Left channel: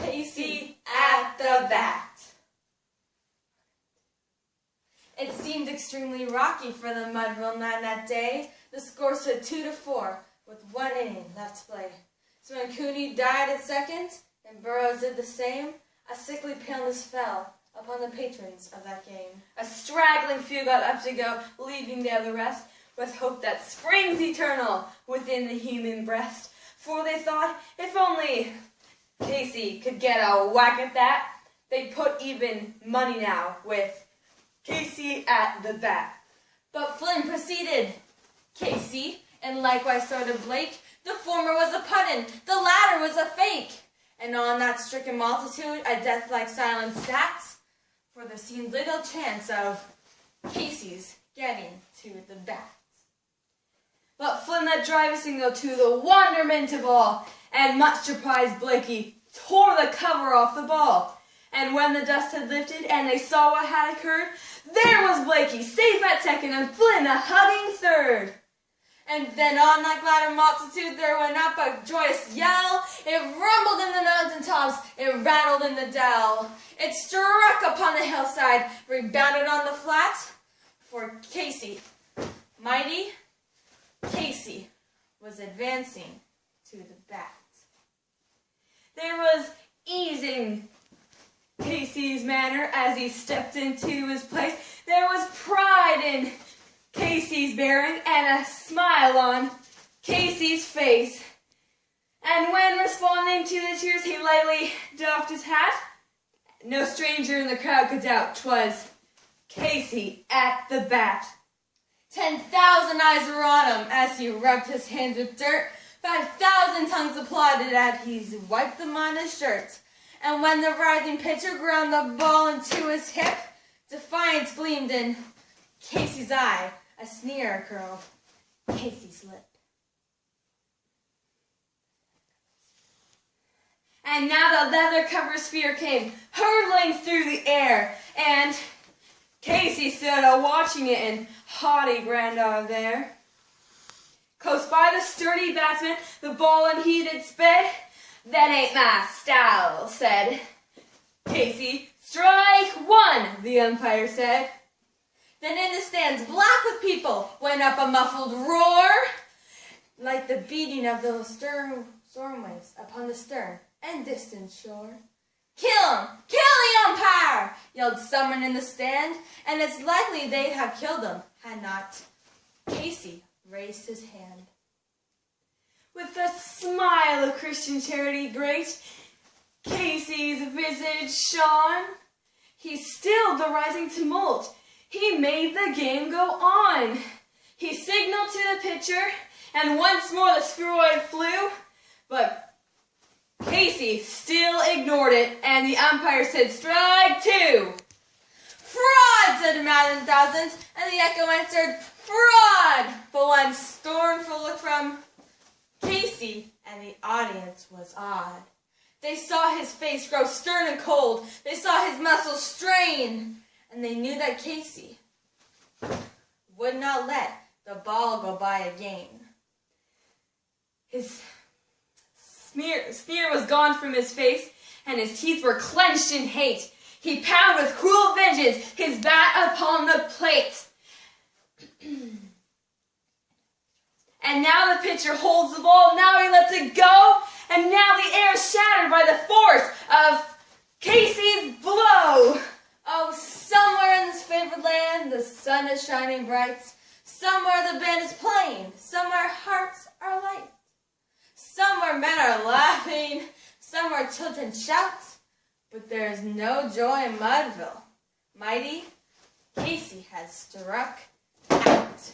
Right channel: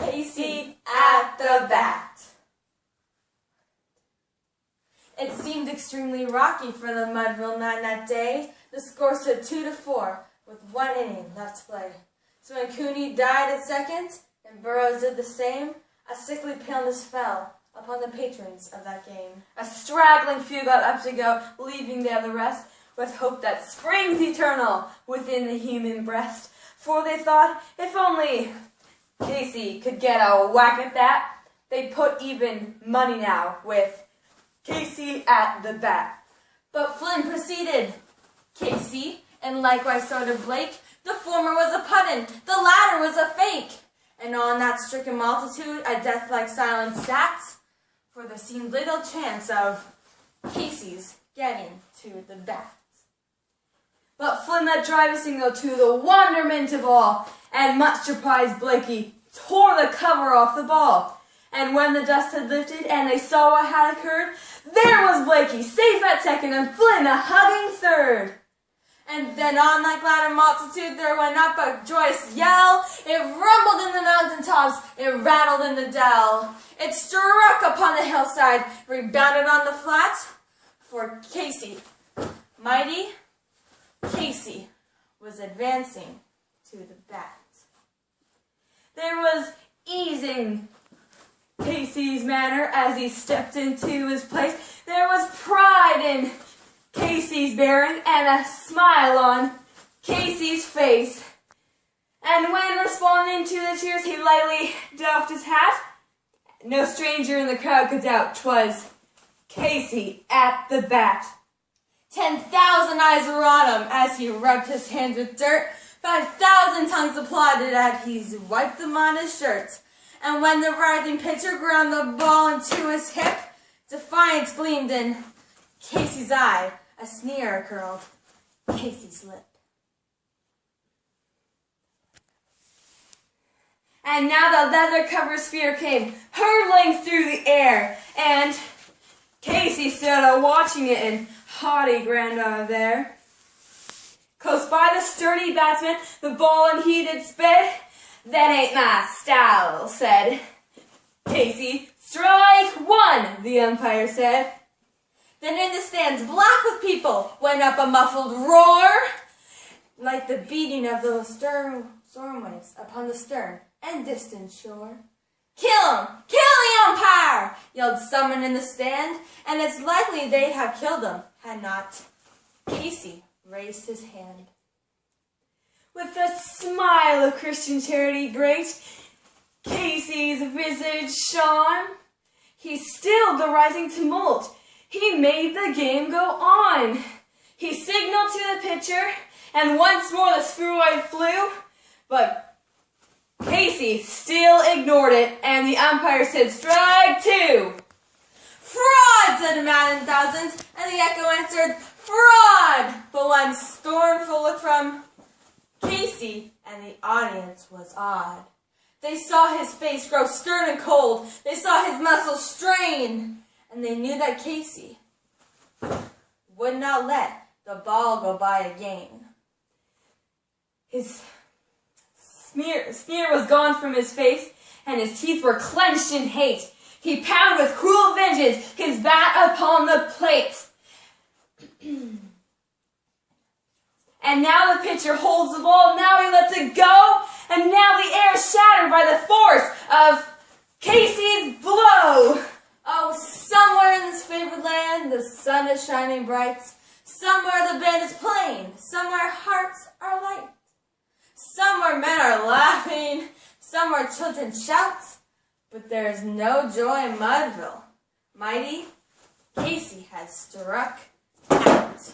Casey at the bat. It seemed extremely rocky for the Mudville Nine that day. The score stood 2-4 with 1 inning left to play. So when Cooney died at second and Burroughs did the same, a sickly paleness fell upon the patrons of that game. A straggling few got up to go, leaving there the rest, with hope that springs eternal within the human breast. For they thought, if only Casey could get a whack at that, they'd put even money now with Casey at the bat. But Flynn proceeded. Casey, and likewise so did Blake. The former was a put-in, the latter was a fake. And on that stricken multitude a death-like silence sat, for there seemed little chance of Casey's getting to the bat. But Flynn let drive a single to the wonderment of all, and much surprised Blakey tore the cover off the ball. And when the dust had lifted and they saw what had occurred, there was Blakey, safe at second, and Flynn a hugging third. And then on that glad multitude there went up a joyous yell. It rumbled in the mountain tops, it rattled in the dell. It struck upon the hillside, rebounded on the flat. For Casey, mighty Casey, was advancing to the bat. There was ease in Casey's manner as he stepped into his place. There was pride in Casey's bearing and a smile on Casey's face. And when responding to the cheers, he lightly doffed his hat. No stranger in the crowd could doubt 'twas Casey at the bat. 10,000 eyes were on him as he rubbed his hands with dirt. 5,000 tongues applauded as he wiped them on his shirt. And when the writhing pitcher ground the ball into his hip, defiance gleamed in Casey's eye, a sneer curled Casey's lip. And now the leather-covered sphere came hurtling through the air, and Casey stood watching it in haughty grandeur there. Close by the sturdy batsman, the ball unheeded sped. That ain't my style, said Casey. Strike one, the umpire said. Then in the stands, black with people, went up a muffled roar, like the beating of those storm waves upon the stern and distant shore. Kill him! Kill the umpire! Yelled someone in the stand, and it's likely they'd have killed him had not Casey raised his hand. With a smile of Christian charity great, Casey's visage shone. He stilled the rising tumult. He made the game go on. He signaled to the pitcher, and once more the spheroid flew, but Casey still ignored it, and the umpire said, strike two. Fraud, said a man in thousands, and the echo answered, fraud. But one scornful look from Casey, and the audience was awed. They saw his face grow stern and cold. They saw his muscles strain, and they knew that Casey would not let the ball go by again. His sneer was gone from his face, and his teeth were clenched in hate. He pounded with cruel vengeance his bat upon the plate. And now the pitcher holds the ball, now he lets it go, and now the air is shattered by the force of Casey's blow. Oh, somewhere in this favored land the sun is shining bright. Somewhere the band is playing, somewhere hearts are light. Somewhere men are laughing, somewhere children shout, but there is no joy in Mudville. Mighty Casey has struck out.